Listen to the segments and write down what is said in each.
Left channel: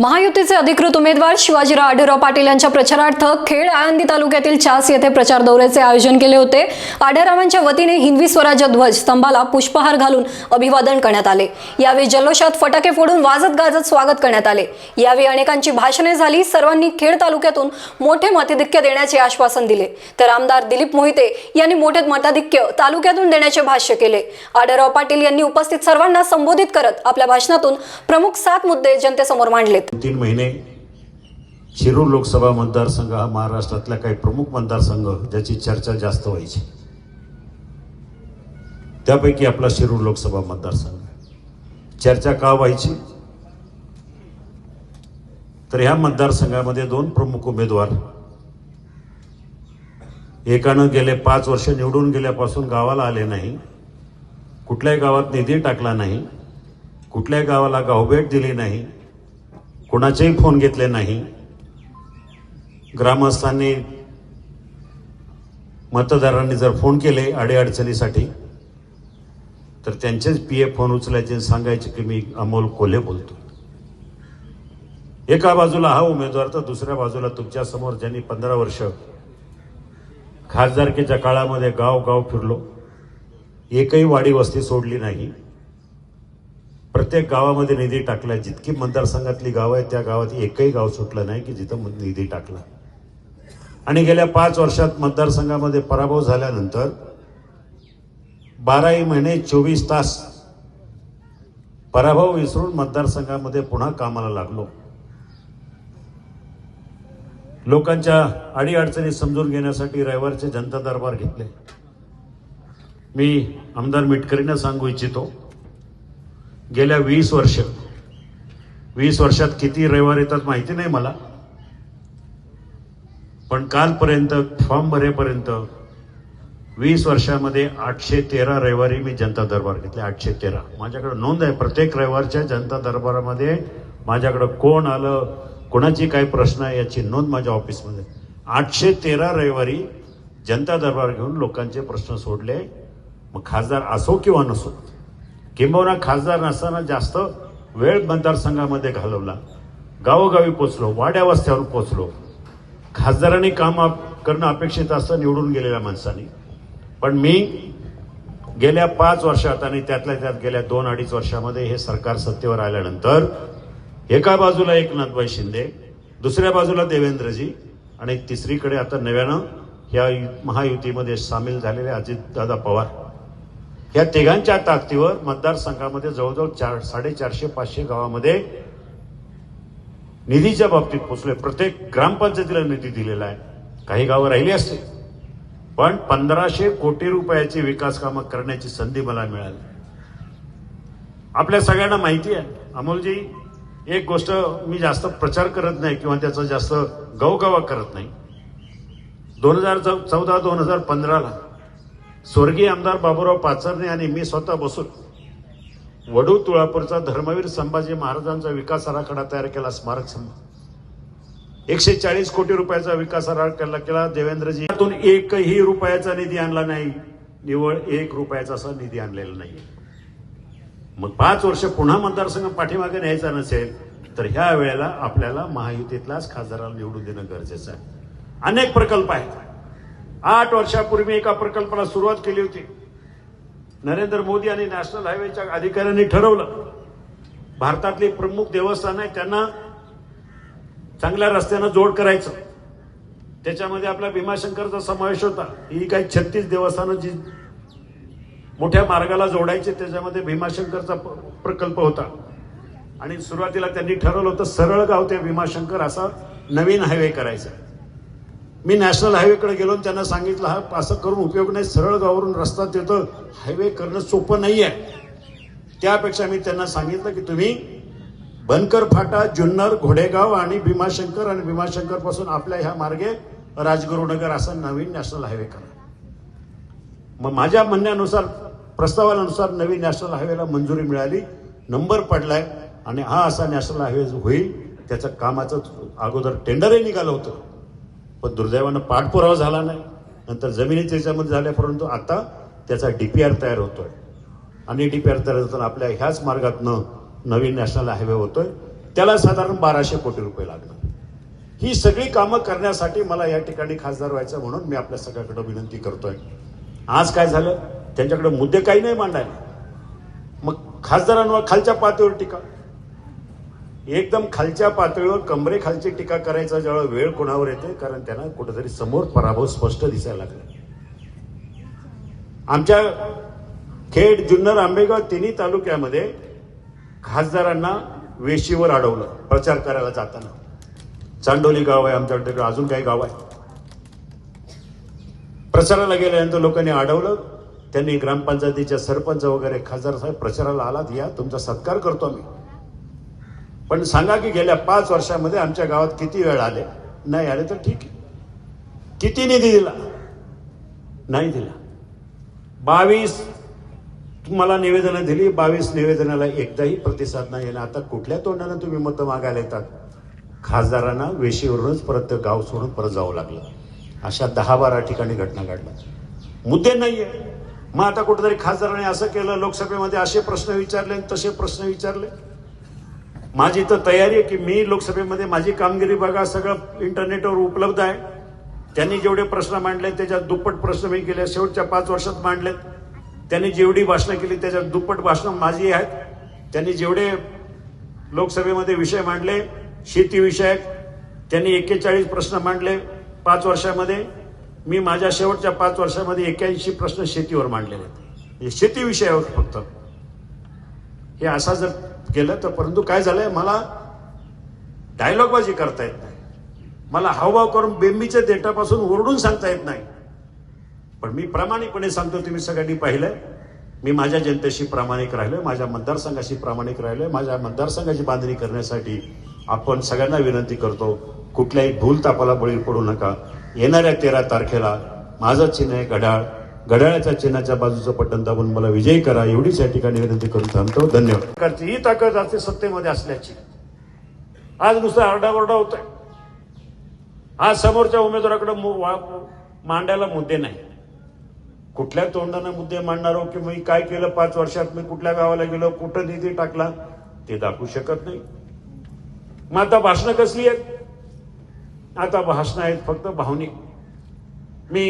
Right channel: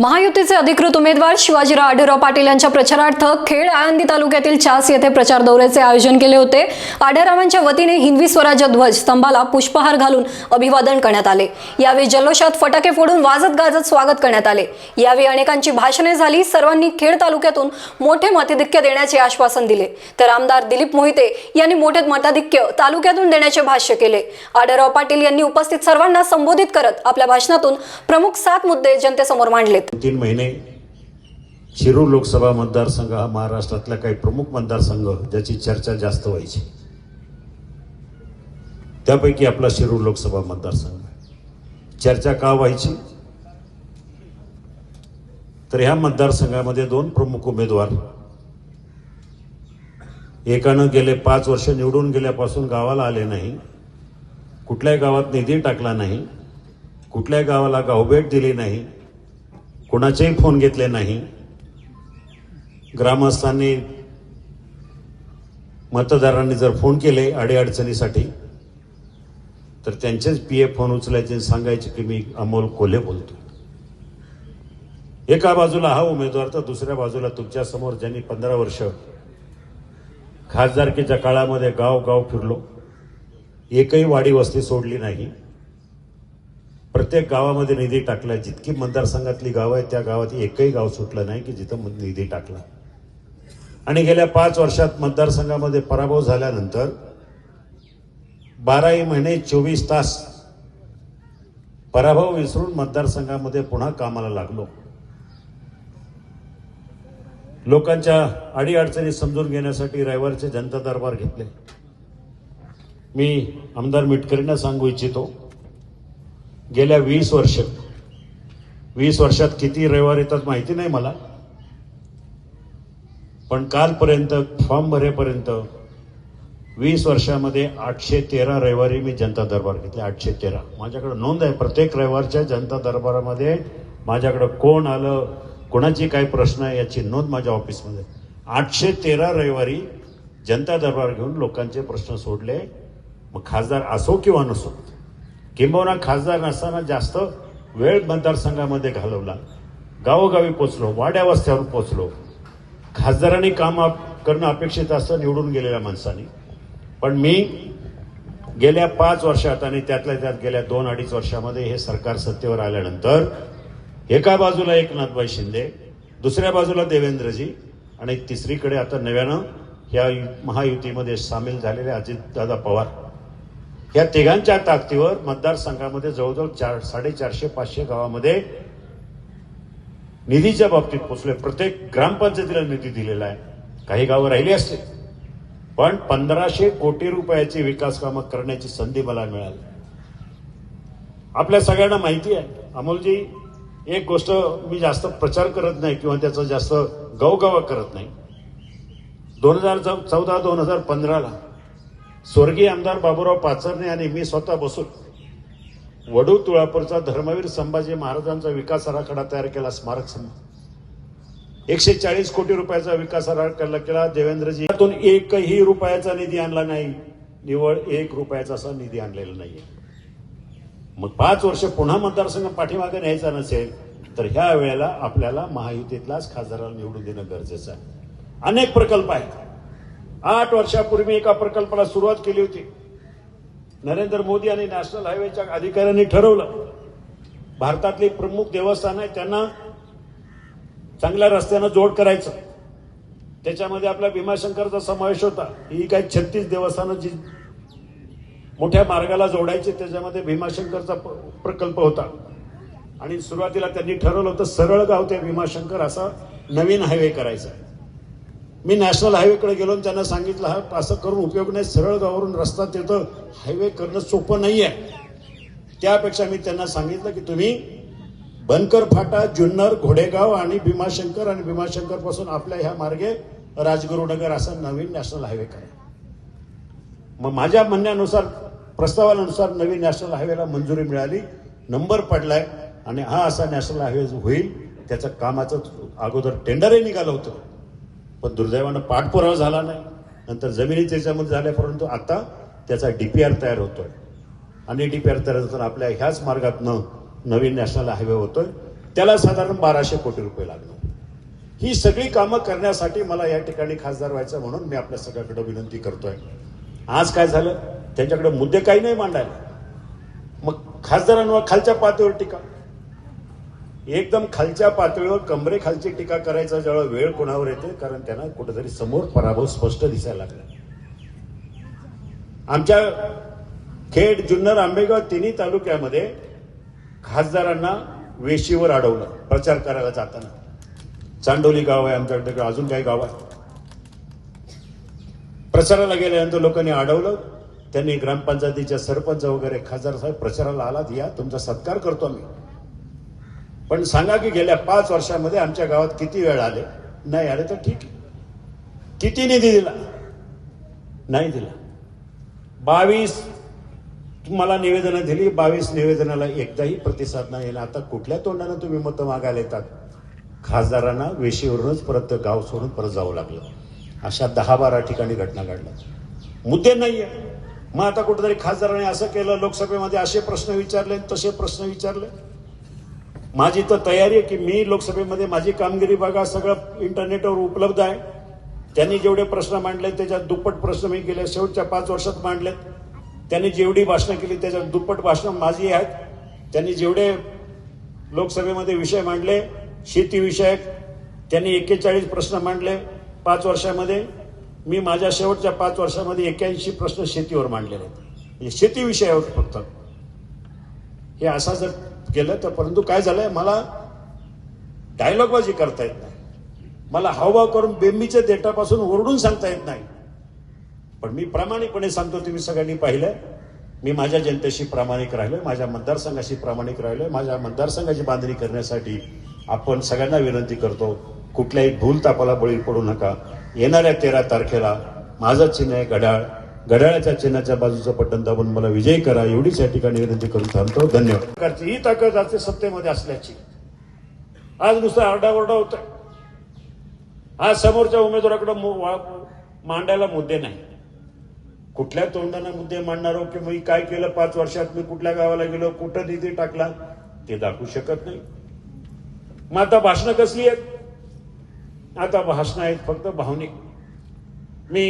महायुतीचे अधिकृत उमेदवार शिवाजीराव आढेराव पाटील यांच्या प्रचारार्थ खेड आळंदी तालुक्यातील चास येथे प्रचार दौऱ्याचे आयोजन केले होते आढेरावांच्या वतीने हिंदवी स्वराज्य ध्वज स्तंभाला पुष्पहार घालून अभिवादन करण्यात आले यावेळी जल्लोषात फटाके फोडून वाजत गाजत स्वागत करण्यात आले यावेळी अनेकांची भाषणे झाली सर्वांनी खेड तालुक्यातून मोठे मताधिक्य देण्याचे आश्वासन दिले तर आमदार दिलीप मोहिते यांनी मोठे मताधिक्य तालुक्यातून देण्याचे भाष्य केले आढेराव पाटील यांनी उपस्थित सर्वांना संबोधित करत आपल्या भाषणातून प्रमुख सात मुद्दे जनतेसमोर मांडले तीन महिने शिरूर लोकसभा मतदारसंघ हा महाराष्ट्रातल्या काही प्रमुख मतदारसंघ ज्याची चर्चा जास्त व्हायची त्यापैकी आपला शिरूर लोकसभा मतदारसंघ चर्चा का व्हायची तर ह्या मतदारसंघामध्ये दोन प्रमुख उमेदवार एकानं गेले पाच वर्ष निवडून गेल्यापासून गावाला आले नाही कुठल्याही गावात निधी टाकला नाही कुठल्याही गावाला गावभेट दिली नाही कोणाचेही फोन घेतले नाही ग्रामस्थांनी मतदारांनी जर फोन केले अडीअडचणीसाठी तर त्यांचेच पी एफ फोन उचलायचे सांगायचे की मी अमोल कोल्हे बोलतो एका बाजूला हा उमेदवार तर दुसऱ्या बाजूला तुमच्यासमोर ज्यांनी पंधरा वर्ष खासदारकीच्या काळामध्ये गाव गाव फिरलो एकही वाडी वस्ती सोडली नाही प्रत्येक गावामध्ये निधी टाकला जितकी मतदारसंघातली गावं आहेत त्या गावात एकही गाव सुटलं नाही की जिथं निधी टाकला आणि गेल्या पाच वर्षात मतदारसंघामध्ये पराभव झाल्यानंतर बाराही महिने चोवीस तास पराभव विसरून मतदारसंघामध्ये पुन्हा कामाला लागलो लोकांच्या अडीअडचणी समजून घेण्यासाठी रविवारचे जनता दरबार घेतले मी आमदार मिटकरींना सांगू इच्छितो गेल्या वीस वर्ष वीस वर्षात किती रविवार येतात माहिती नाही मला पण कालपर्यंत फॉर्म भरेपर्यंत वीस वर्षामध्ये आठशे तेरा रविवारी मी जनता दरबार घेतले आठशे तेरा माझ्याकडं नोंद आहे प्रत्येक रविवारच्या जनता दरबारामध्ये माझ्याकडं कोण आलं कोणाची काय प्रश्न आहे याची नोंद माझ्या ऑफिसमध्ये आठशे तेरा रविवारी जनता दरबार घेऊन लोकांचे प्रश्न सोडले मग खासदार असो किंवा नसो किंबहुना खासदार नसताना जास्त वेळ मतदारसंघामध्ये घालवला गावोगावी पोचलो वाड्या वस्त्यावर पोचलो खासदारांनी काम करणं अपेक्षित असतं निवडून गेलेल्या माणसांनी पण मी गेल्या पाच वर्षात आणि त्यातल्या त्यात गेल्या दोन अडीच वर्षामध्ये हे सरकार सत्तेवर आल्यानंतर एका बाजूला एकनाथभाई शिंदे दुसऱ्या बाजूला देवेंद्रजी आणि तिसरीकडे आता नव्यानं ह्या महायुतीमध्ये सामील झालेले अजितदादा पवार या तिघांच्या ताकदीवर मतदारसंघामध्ये जवळजवळ चार साडेचारशे पाचशे गावामध्ये निधीच्या बाबतीत पोचले प्रत्येक ग्रामपंचायतीला निधी दिलेला आहे काही गावं राहिली असते पण पंधराशे कोटी रुपयाची विकास कामं करण्याची संधी मला मिळाली आपल्या सगळ्यांना माहिती आहे अमोलजी एक गोष्ट मी जास्त प्रचार करत नाही किंवा त्याचा जास्त गवगवा करत नाही दोन हजार चौदा दोन हजार पंधराला स्वर्गीय आमदार बाबूराव पाचरणे आणि मी स्वतः बसून वडू तुळापूरचा धर्मवीर संभाजी महाराजांचा विकास आराखडा तयार केला स्मारक संघ एकशे चाळीस कोटी रुपयाचा विकास आराखडा केला देवेंद्रजी यातून एकही रुपयाचा निधी आणला नाही निवळ एक रुपयाचा असा निधी आणलेला नाही मग पाच वर्ष पुन्हा मतदारसंघ पाठीमागे न्यायचा नसेल तर ह्या वेळेला आपल्याला महायुतीतलाच खासदाराला निवडून देणं गरजेचं आहे अनेक प्रकल्प आहेत आठ वर्षापूर्वी एका प्रकल्पाला सुरुवात केली होती नरेंद्र मोदी आणि नॅशनल हायवेच्या अधिकाऱ्यांनी ठरवलं भारतातली प्रमुख देवस्थान आहे त्यांना चांगल्या रस्त्यानं जोड करायचं त्याच्यामध्ये आपला भीमाशंकरचा समावेश होता ही काही छत्तीस देवस्थानं जी मोठ्या मार्गाला जोडायची त्याच्यामध्ये भीमाशंकरचा प्रकल्प होता आणि सुरुवातीला त्यांनी ठरवलं होतं सरळ गाव ते भीमाशंकर असा नवीन हायवे करायचा मी नॅशनल हायवेकडे गेलो आणि त्यांना सांगितलं हा असं करून उपयोग नाही सरळ गावावरून रस्ता देतं हायवे करणं सोपं नाही आहे त्यापेक्षा मी त्यांना सांगितलं की तुम्ही बनकर फाटा जुन्नर घोडेगाव आणि भीमाशंकर आणि भीमाशंकर पासून आपल्या ह्या मार्गे राजगुरुनगर असा नवीन नॅशनल हायवे करा मग माझ्या म्हणण्यानुसार प्रस्तावानुसार नवीन नॅशनल हायवेला मंजुरी मिळाली नंबर पडलाय आणि हा असा नॅशनल हायवे होईल त्याचं कामाचं अगोदर टेंडरही निघालं होतं पण दुर्दैवानं पाठपुरावा झाला नाही नंतर जमिनी त्याच्यामध्ये झाल्या परंतु आता त्याचा डी पी आर तयार होतोय आणि डी पी आर तयार होताना आपल्या ह्याच मार्गातनं नवीन नॅशनल हायवे होतोय त्याला साधारण बाराशे कोटी रुपये लागणार ही सगळी कामं करण्यासाठी मला या ठिकाणी खासदार व्हायचं म्हणून मी आपल्या सगळ्याकडे विनंती करतोय आज काय झालं त्यांच्याकडे मुद्दे काही नाही मांडायला मग खासदारांवर खालच्या पातळीवर टीका एकदम खालच्या पातळीवर कमरे खालची टीका करायचा जेव्हा वेळ कोणावर येते कारण त्यांना कुठेतरी समोर पराभव स्पष्ट दिसायला लागला आमच्या खेड जुन्नर आंबेगाव तिन्ही तालुक्यामध्ये खासदारांना वेशीवर अडवलं प्रचार करायला जाताना चांडोली गाव आहे आमच्याकडे अजून काही गाव आहे प्रचाराला गेल्यानंतर लोकांनी अडवलं त्यांनी ग्रामपंचायतीच्या सरपंच वगैरे खासदार साहेब प्रचाराला आलात या तुमचा सत्कार करतो आम्ही पण सांगा की गेल्या पाच वर्षामध्ये आमच्या गावात किती वेळ आले नाही आले तर ठीक आहे किती निधी दिला नाही दिला बावीस तुम्हाला निवेदनं दिली बावीस निवेदनाला एकदाही प्रतिसाद नाही आला आता कुठल्या तोंडानं तुम्ही मतं मागायला येतात खासदारांना वेशीवरूनच परत गाव सोडून परत जावं लागलं अशा दहा बारा ठिकाणी घटना घडल्या मुद्दे नाही आहे मग आता कुठेतरी खासदारांनी असं केलं लोकसभेमध्ये असे प्रश्न विचारले तसे प्रश्न विचारले माझी तर तयारी आहे की मी लोकसभेमध्ये माझी कामगिरी बघा सगळं इंटरनेटवर उपलब्ध आहे त्यांनी जेवढे प्रश्न मांडले त्याच्यात दुप्पट प्रश्न मी केले शेवटच्या पाच वर्षात मांडलेत त्यांनी जेवढी भाषणं केली त्याच्यात दुप्पट भाषणं माझी आहेत त्यांनी जेवढे लोकसभेमध्ये विषय मांडले शेतीविषयक त्यांनी एक्केचाळीस प्रश्न मांडले पाच वर्षामध्ये मी माझ्या शेवटच्या पाच वर्षामध्ये एक्क्याऐंशी प्रश्न शेतीवर मांडलेले आहेत शेती विषयावर फक्त हे असा जर केलं तर परंतु काय झालंय मला डायलॉगबाजी करता येत नाही मला हावभाव करून बेंबीच्या देटापासून ओरडून सांगता येत नाही पण मी प्रामाणिकपणे सांगतो तुम्ही सगळ्यांनी पाहिलंय मी माझ्या जनतेशी प्रामाणिक राहिलोय माझ्या मतदारसंघाशी प्रामाणिक राहिलोय माझ्या मतदारसंघाची बांधणी करण्यासाठी आपण सगळ्यांना विनंती करतो कुठल्याही भूल तापाला बळी पडू नका येणाऱ्या तेरा तारखेला माझं चिन्ह आहे घड्याळ घड्याळाच्या चिन्हाच्या बाजूचं पट्टन दाबून मला विजय करा एवढीच या ठिकाणी विनंती करून थांबतो धन्यवाद सरकारची ही ताकद आज सत्तेमध्ये असल्याची आज नुसतं आरडाओरडा होत आज समोरच्या उमेदवाराकडे मांडायला मुद्दे नाही कुठल्या तोंडाने मुद्दे मांडणार हो की मी काय केलं पाच वर्षात मी कुठल्या गावाला गेलो कुठं निधी टाकला ते दाखवू शकत नाही मग आता भाषणं कसली आहेत आता भाषणं आहेत फक्त भावनिक मी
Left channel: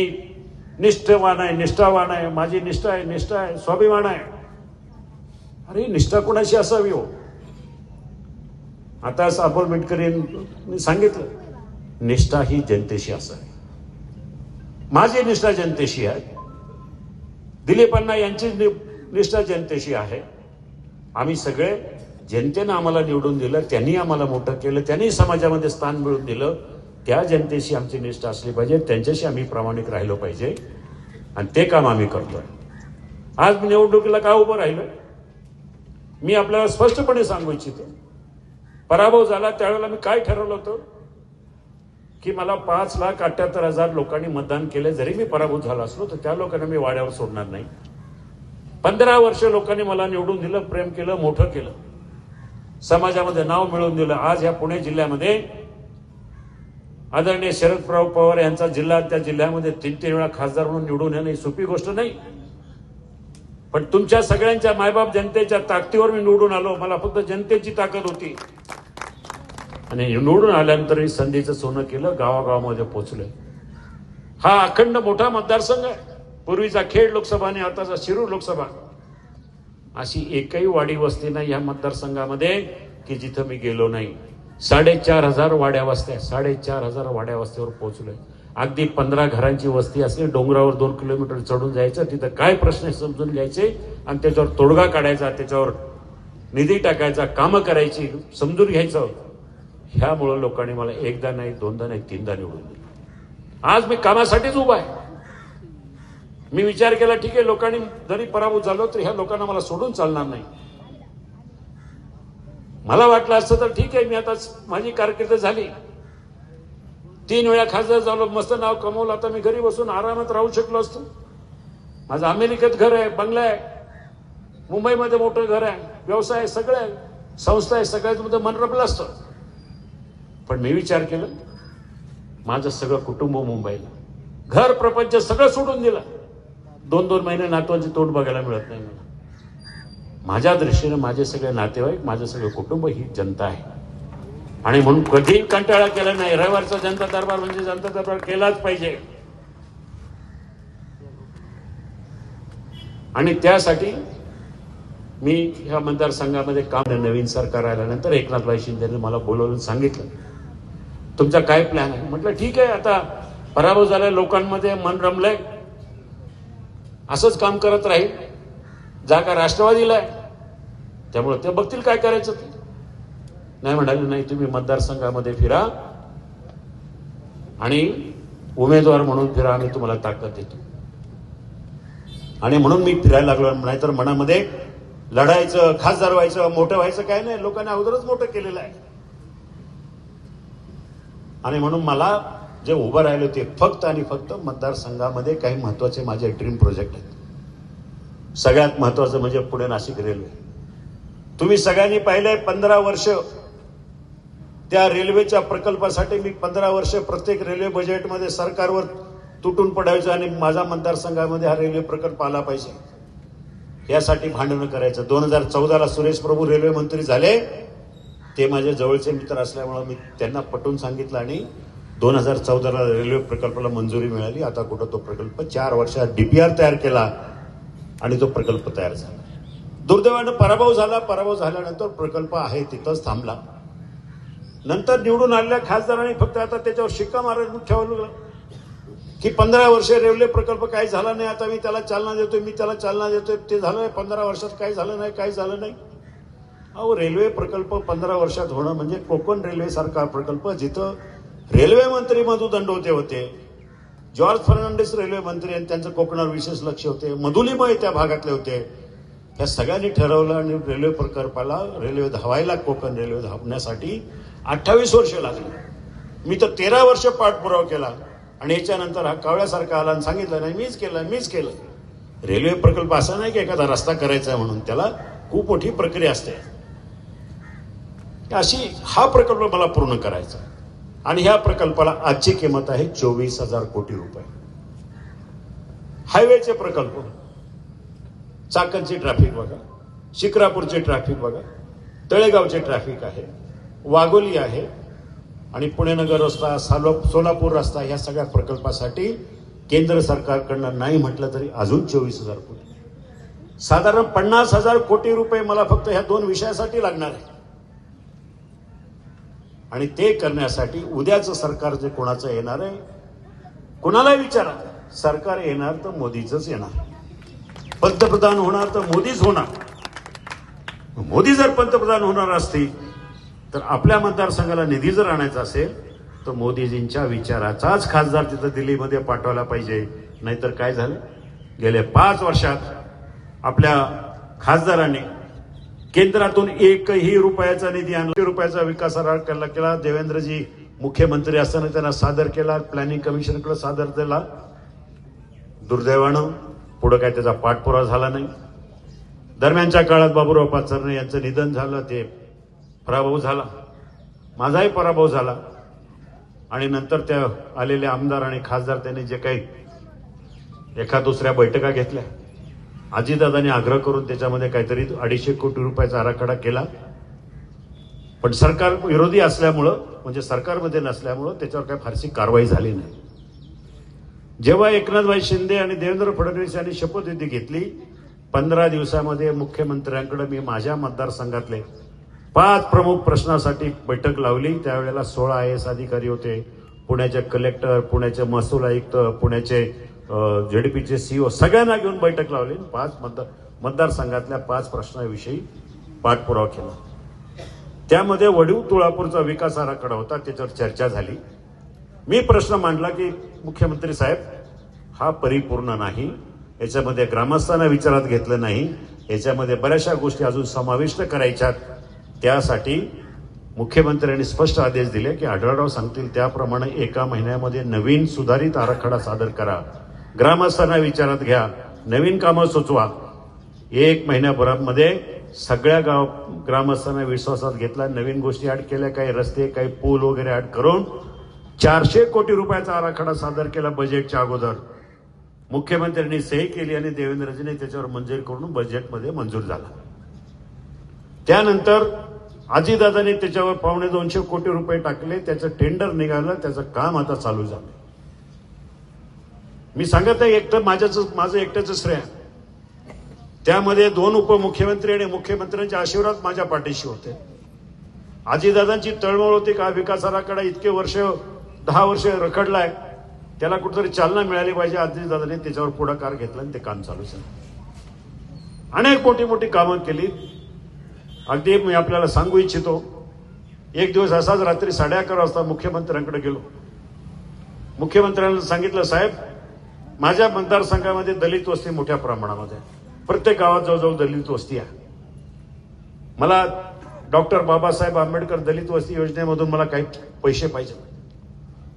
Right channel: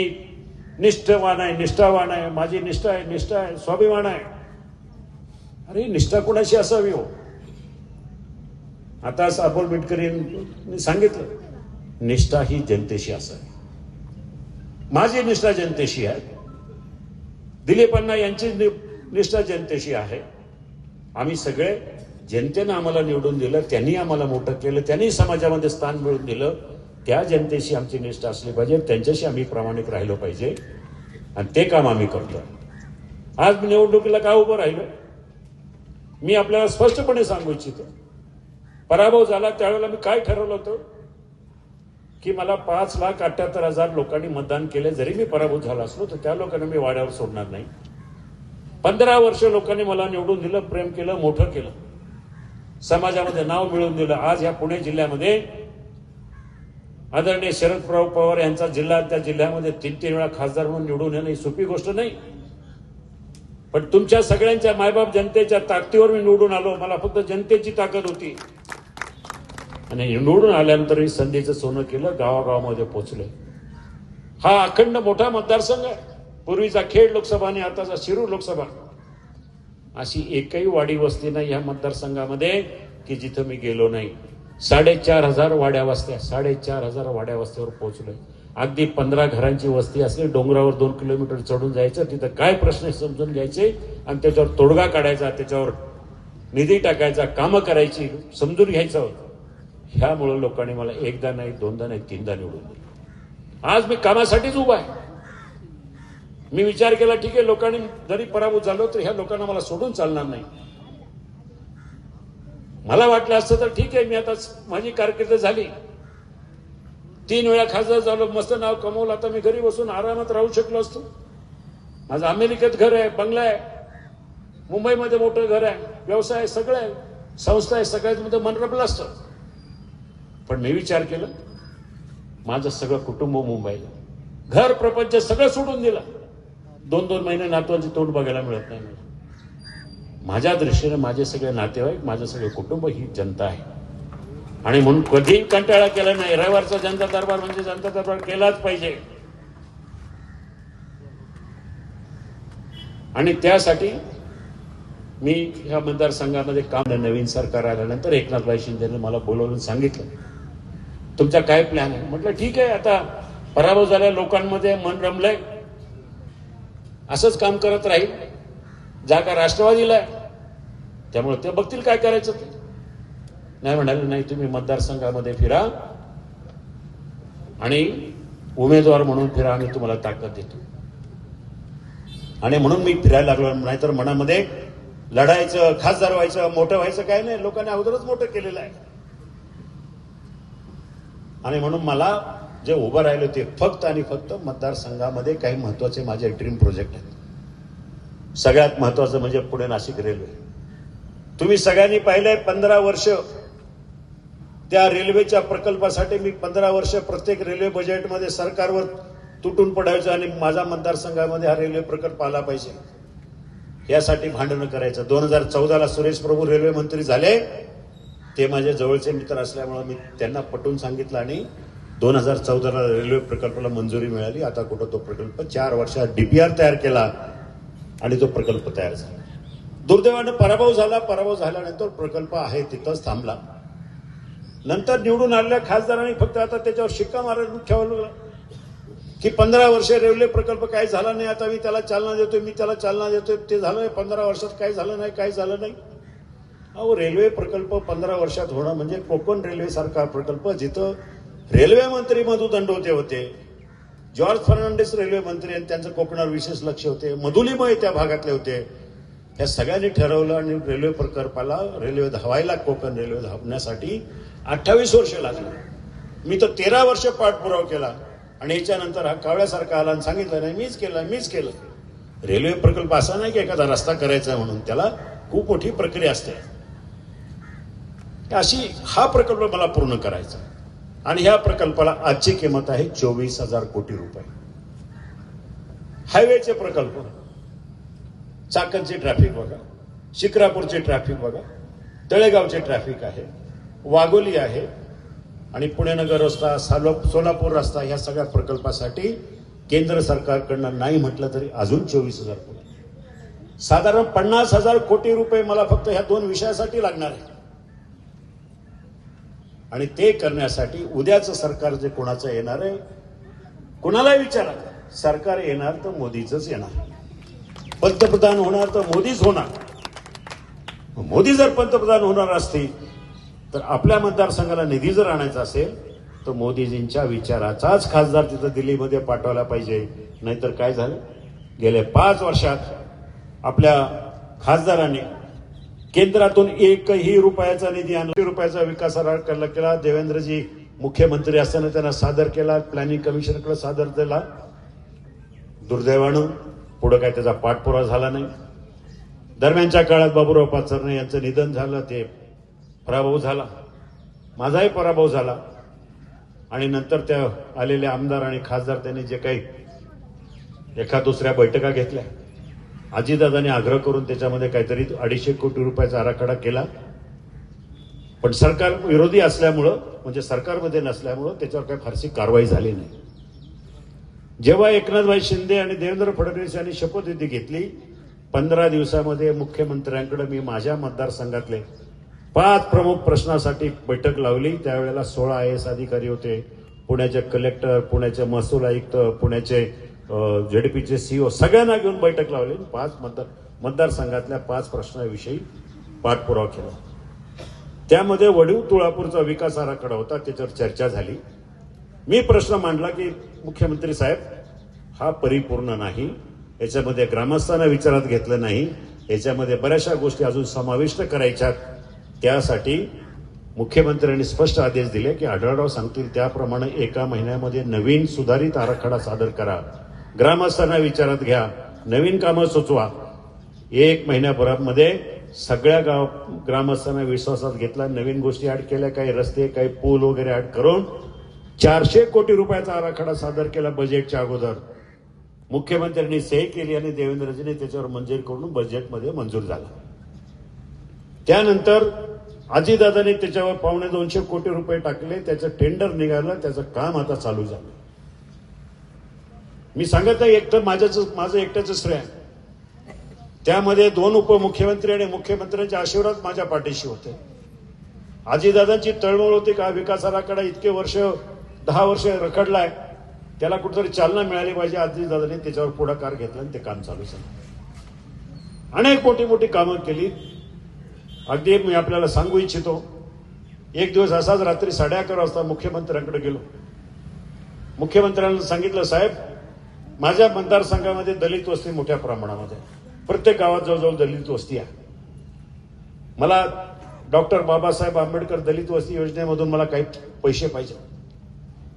निष्ठवान आहे निष्ठावान आहे माझी निष्ठा आहे निष्ठा आहे स्वाभिमान आहे अरे निष्ठा कोणाशी असावी हो आता अपोल बिटकरींनी सांगितलं निष्ठा ही जनतेशी असावी माझी निष्ठा जनतेशी आहे दिलीपांना यांची निष्ठा जनतेशी आहे आम्ही सगळे जनतेनं आम्हाला निवडून दिलं त्यांनी आम्हाला मोठं केलं त्यांनी समाजामध्ये स्थान मिळवून दिलं त्या जनतेशी आमची निष्ठा असली पाहिजे त्यांच्याशी आम्ही प्रामाणिक राहिलो पाहिजे आणि ते काम आम्ही करतो आज मी निवडणुकीला का उभं राहिलो मी आपल्याला स्पष्टपणे सांगू इच्छितो पराभव झाला त्यावेळेला मी काय ठरवलं होतं की मला पाच लाख अठ्याहत्तर हजार लोकांनी मतदान केलं जरी मी पराभूत झाला असलो तर त्या लोकांना मी वाड्यावर सोडणार नाही पंधरा वर्ष लोकांनी मला निवडून दिलं प्रेम केलं मोठं केलं समाजामध्ये नाव मिळवून दिलं आज या पुणे जिल्ह्यामध्ये आदरणीय शरद प्रभू पवार यांचा जिल्हा त्या जिल्ह्यामध्ये तीन तीन वेळा खासदार म्हणून निवडून येणं ही सोपी गोष्ट नाही पण तुमच्या सगळ्यांच्या मायबाप जनतेच्या ताकदीवर मी निवडून आलो मला फक्त जनतेची ताकद होती आणि निवडून आल्यानंतर ही संधीचं सोनं केलं गावागावामध्ये पोचलं हा अखंड मोठा मतदारसंघ आहे पूर्वीचा खेड लोकसभा आणि आताचा शिरूर लोकसभा अशी एकही वाडी वस्ती नाही या मतदारसंघामध्ये की जिथं मी गेलो नाही साडेचार हजार वाड्या वस्त्या साडेचार हजार वाड्या वस्त्यावर पोहोचलोय अगदी पंधरा घरांची वस्ती असली डोंगरावर दोन किलोमीटर चढून जायचं तिथं काय प्रश्न समजून घ्यायचे आणि त्याच्यावर तोडगा काढायचा त्याच्यावर निधी टाकायचा कामं करायची समजून घ्यायचं ह्यामुळं लोकांनी मला एकदा नाही दोनदा नाही तीनदा निवडून आज मी कामासाठीच उभा आहे मी विचार केला ठीक आहे लोकांनी जरी पराभूत झालो तर ह्या लोकांना मला सोडून चालणार नाही मला वाटलं असतं तर ठीक आहे मी आता माझी कारकीर्द झाली तीन वेळा खासदार झालो मस्त नाव कमवलं आता मी घरी बसून आरामात राहू शकलो असतो माझं अमेरिकेत घर आहे बंगला आहे मुंबईमध्ये मोठं घर आहे व्यवसाय आहे सगळं आहे संस्था आहे सगळ्यात मन रमलं असतं पण मी विचार केला माझं सगळं कुटुंब मुंबईला घर प्रपंच सगळं सोडून दिलं दोन दोन महिने नातवांचे तोंड बघायला मिळत नाही मला माझ्या दृष्टीने माझे सगळे नातेवाईक माझं सगळं कुटुंब ही जनता आहे आणि म्हणून कधीही कंटाळा केला नाही रविवारचा जनता दरबार म्हणजे जनता दरबार केलाच पाहिजे आणि त्यासाठी मी ह्या मतदारसंघामध्ये काम नवीन सरकार आल्यानंतर एकनाथभाई शिंदेने मला बोलवून सांगितलं तुमचा काय प्लॅन आहे म्हटलं ठीक आहे आता पराभव झाल्या लोकांमध्ये मन रमलंय असंच काम करत राहील जागा राष्ट्रवादीला आहे त्यामुळे ते बघतील काय करायचं ते नाही म्हणाले नाही तुम्ही मतदारसंघामध्ये फिरा आणि उमेदवार म्हणून फिरा आम्ही तुम्हाला ताकद देतो आणि म्हणून मी फिरायला लागलो नाहीतर मनामध्ये लढायचं खासदार व्हायचं मोठं व्हायचं काय नाही लोकांनी अगोदरच मोठं केलेलं आहे आणि म्हणून मला जे उभं राहिलं ते फक्त आणि फक्त मतदारसंघामध्ये काही महत्वाचे माझे ड्रीम प्रोजेक्ट आहेत सगळ्यात महत्वाचं म्हणजे पुणे नाशिक रेल्वे तुम्ही सगळ्यांनी पाहिलंय पंधरा वर्ष त्या रेल्वेच्या प्रकल्पासाठी मी पंधरा वर्ष प्रत्येक रेल्वे बजेटमध्ये सरकारवर तुटून पडायचो आणि माझ्या मतदारसंघामध्ये हा रेल्वे प्रकल्प आला पाहिजे यासाठी भांडणं करायचं दोन हजार चौदाला सुरेश प्रभू रेल्वे मंत्री झाले ते माझे जवळचे मित्र असल्यामुळे मी त्यांना पटवून सांगितलं आणि दोन हजार चौदाला रेल्वे प्रकल्पाला मंजुरी मिळाली आता कुठं तो प्रकल्प चार वर्षात डीपीआर तयार केला आणि तो प्रकल्प तयार झाला दुर्दैवानं पराभव झाला पराभव झाल्यानंतर प्रकल्प आहे तिथंच थांबला नंतर निवडून आलेल्या खासदारांनी फक्त आता त्याच्यावर शिक्का मारायला ठेवलं की पंधरा वर्ष रेल्वे प्रकल्प काही झाला नाही आता मी त्याला चालना देतोय मी त्याला चालना देतोय ते झालं नाही पंधरा वर्षात काही झालं नाही काही झालं नाही अहो रेल्वे प्रकल्प पंधरा वर्षात होणं म्हणजे कोकण रेल्वे सरकार प्रकल्प जिथं रेल्वे मंत्री मधु दंडवते होते जॉर्ज फर्नांडिस रेल्वे मंत्री आणि त्यांचं कोकणावर विशेष लक्ष होते मधुलीमय त्या भागातले होते त्या सगळ्यांनी ठरवलं आणि रेल्वे प्रकल्पाला रेल्वे धावायला कोकण रेल्वे धावण्यासाठी अठ्ठावीस वर्ष लागली मी तर तेरा वर्ष पाठपुरावा केला आणि याच्यानंतर हा कावळ्यासारखा आला आणि सांगितलं नाही मीच केलं मीच केलं रेल्वे प्रकल्प असा नाही की एखादा रस्ता करायचा म्हणून त्याला खूप मोठी प्रक्रिया असते अशी हा प्रकल्प मला पूर्ण करायचा आणि ह्या प्रकल्पाला आजची किंमत आहे चोवीस हजार कोटी रुपये हायवेचे प्रकल्प चाकणचे ट्रॅफिक बघा शिक्रापूरचे ट्रॅफिक बघा तळेगावचे ट्रॅफिक आहे वाघोली आहे आणि पुणेनगर रस्ता सालो सोलापूर रस्ता ह्या सगळ्या प्रकल्पासाठी केंद्र सरकारकडनं नाही म्हटलं तरी अजून चोवीस हजार कोटी साधारण पन्नास हजार कोटी रुपये मला फक्त ह्या दोन विषयासाठी लागणार आहे आणि ते करण्यासाठी उद्याचं सरकार जे कोणाचं येणार आहे कुणालाही विचारा सरकार येणार तर मोदीचंच येणार पंतप्रधान होणार तर मोदीच होणार मोदी जर पंतप्रधान होणार असतील तर आपल्या मतदारसंघाला निधी जर आणायचा असेल तर मोदीजींच्या विचाराचाच खासदार तिथं दिल्लीमध्ये पाठवायला पाहिजे नाहीतर काय झालं गेल्या पाच वर्षात आपल्या खासदारांनी केंद्रातून एकही रुपयाचा निधी आणला रुपयाचा विकास केला देवेंद्रजी मुख्यमंत्री असताना त्यांना सादर केला प्लॅनिंग कमिशनकडे सादर केला दुर्दैवानं पुढं काय त्याचा पाठपुरावा झाला नाही दरम्यानच्या काळात बाबूराव पाचरणे यांचं निधन झालं ते पराभव झाला माझाही पराभव झाला आणि नंतर त्या आलेले आमदार आणि खासदार त्यांनी जे काही एका दुसऱ्या बैठका घेतल्या आजीदादाने आग्रह करून त्याच्यामध्ये काहीतरी अडीचशे कोटी रुपयाचा आराखडा केला पण सरकार विरोधी असल्यामुळं म्हणजे सरकारमध्ये नसल्यामुळं त्याच्यावर काही फारशी कारवाई झाली नाही जेव्हा एकनाथभाई शिंदे आणि देवेंद्र फडणवीस यांनी शपथविधी घेतली पंधरा दिवसामध्ये मुख्यमंत्र्यांकडे मी माझ्या मतदारसंघातले पाच प्रमुख प्रश्नासाठी बैठक लावली त्यावेळेला सोळा आय एस अधिकारी होते पुण्याचे कलेक्टर पुण्याचे महसूल आयुक्त पुण्याचे जेडीपीचे सीओ सगळ्यांना घेऊन बैठक लावली पाच मतदार मतदारसंघातल्या पाच प्रश्नाविषयी पाठपुरावा केला त्यामध्ये वडीव तुळापूरचा विकास आराखडा होता त्याच्यावर चर्चा झाली मी प्रश्न मांडला की मुख्यमंत्री साहेब हा परिपूर्ण नाही याच्यामध्ये ग्रामस्थांना विचारात घेतलं नाही याच्यामध्ये बऱ्याचशा गोष्टी अजून समाविष्ट करायच्यात त्यासाठी मुख्यमंत्र्यांनी स्पष्ट आदेश दिले की आढळराव सांगतील त्याप्रमाणे एका महिन्यामध्ये नवीन सुधारित आराखडा सादर करा ग्रामस्थांना विचारात घ्या नवीन कामं सुचवा एक महिन्याभरामध्ये सगळ्या गाव ग्रामस्थांना विश्वासात घेतला नवीन गोष्टी ॲड केल्या काही रस्ते काही पूल वगैरे ॲड करून चारशे कोटी रुपयाचा आराखडा सादर केला बजेटच्या अगोदर मुख्यमंत्र्यांनी सही केली आणि देवेंद्रजीने त्याच्यावर मंजूर करून बजेटमध्ये मंजूर झाला त्यानंतर आजीदादांनी त्याच्यावर पावणे दोनशे कोटी रुपये टाकले त्याचं टेंडर निघालं त्याचं काम आता चालू झालं मी सांगत आहे एकटं माझ्याच माझं एकट्याच श्रेय त्यामध्ये दोन उपमुख्यमंत्री आणि मुख्यमंत्र्यांचे आशीर्वाद माझ्या पाठीशी होते आजीदादांची तळमळ होती का विकास आराखडा इतके वर्ष दहा वर्ष आहे त्याला कुठेतरी चालना मिळाली पाहिजे आधी दादाने त्याच्यावर पुढाकार घेतला आणि ते काम चालू झालं अनेक मोठी मोठी कामं केली अगदी मी आपल्याला सांगू इच्छितो एक दिवस असाच रात्री साडे अकरा वाजता मुख्यमंत्र्यांकडे गेलो मुख्यमंत्र्यांना सांगितलं साहेब माझ्या मतदारसंघामध्ये दलित वस्ती मोठ्या प्रमाणामध्ये प्रत्येक गावात जवळजवळ दलित वस्ती आहे मला डॉक्टर बाबासाहेब आंबेडकर दलित वस्ती योजनेमधून मला काही पैसे पाहिजे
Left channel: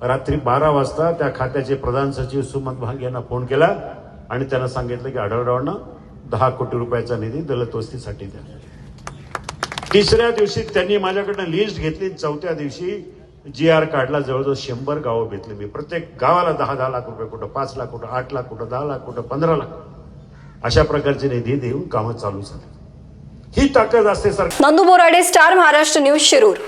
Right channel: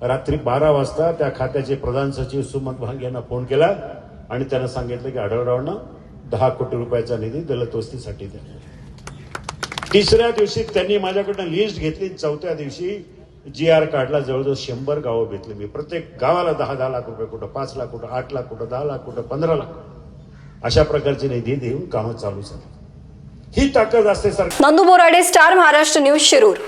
रात्री बारा वाजता त्या खात्याचे प्रधान सचिव सुमंत भांग यांना फोन केला आणि त्यांना सांगितलं की आढळरावांना दहा कोटी रुपयाचा निधी दलित वस्तीसाठी द्या तिसऱ्या दिवशी त्यांनी माझ्याकडनं लिस्ट घेतली चौथ्या दिवशी जी आर कार्डला जवळजवळ शंभर गावं घेतली मी प्रत्येक गावाला दहा दहा लाख रुपये कुठं पाच लाख कुठं आठ लाख कुठं दहा लाख कुठं पंधरा लाख अशा प्रकारचे निधी देऊन कामं चालू झाली ही ताकद असते sir Nandu Borade star Maharashtra news Shirur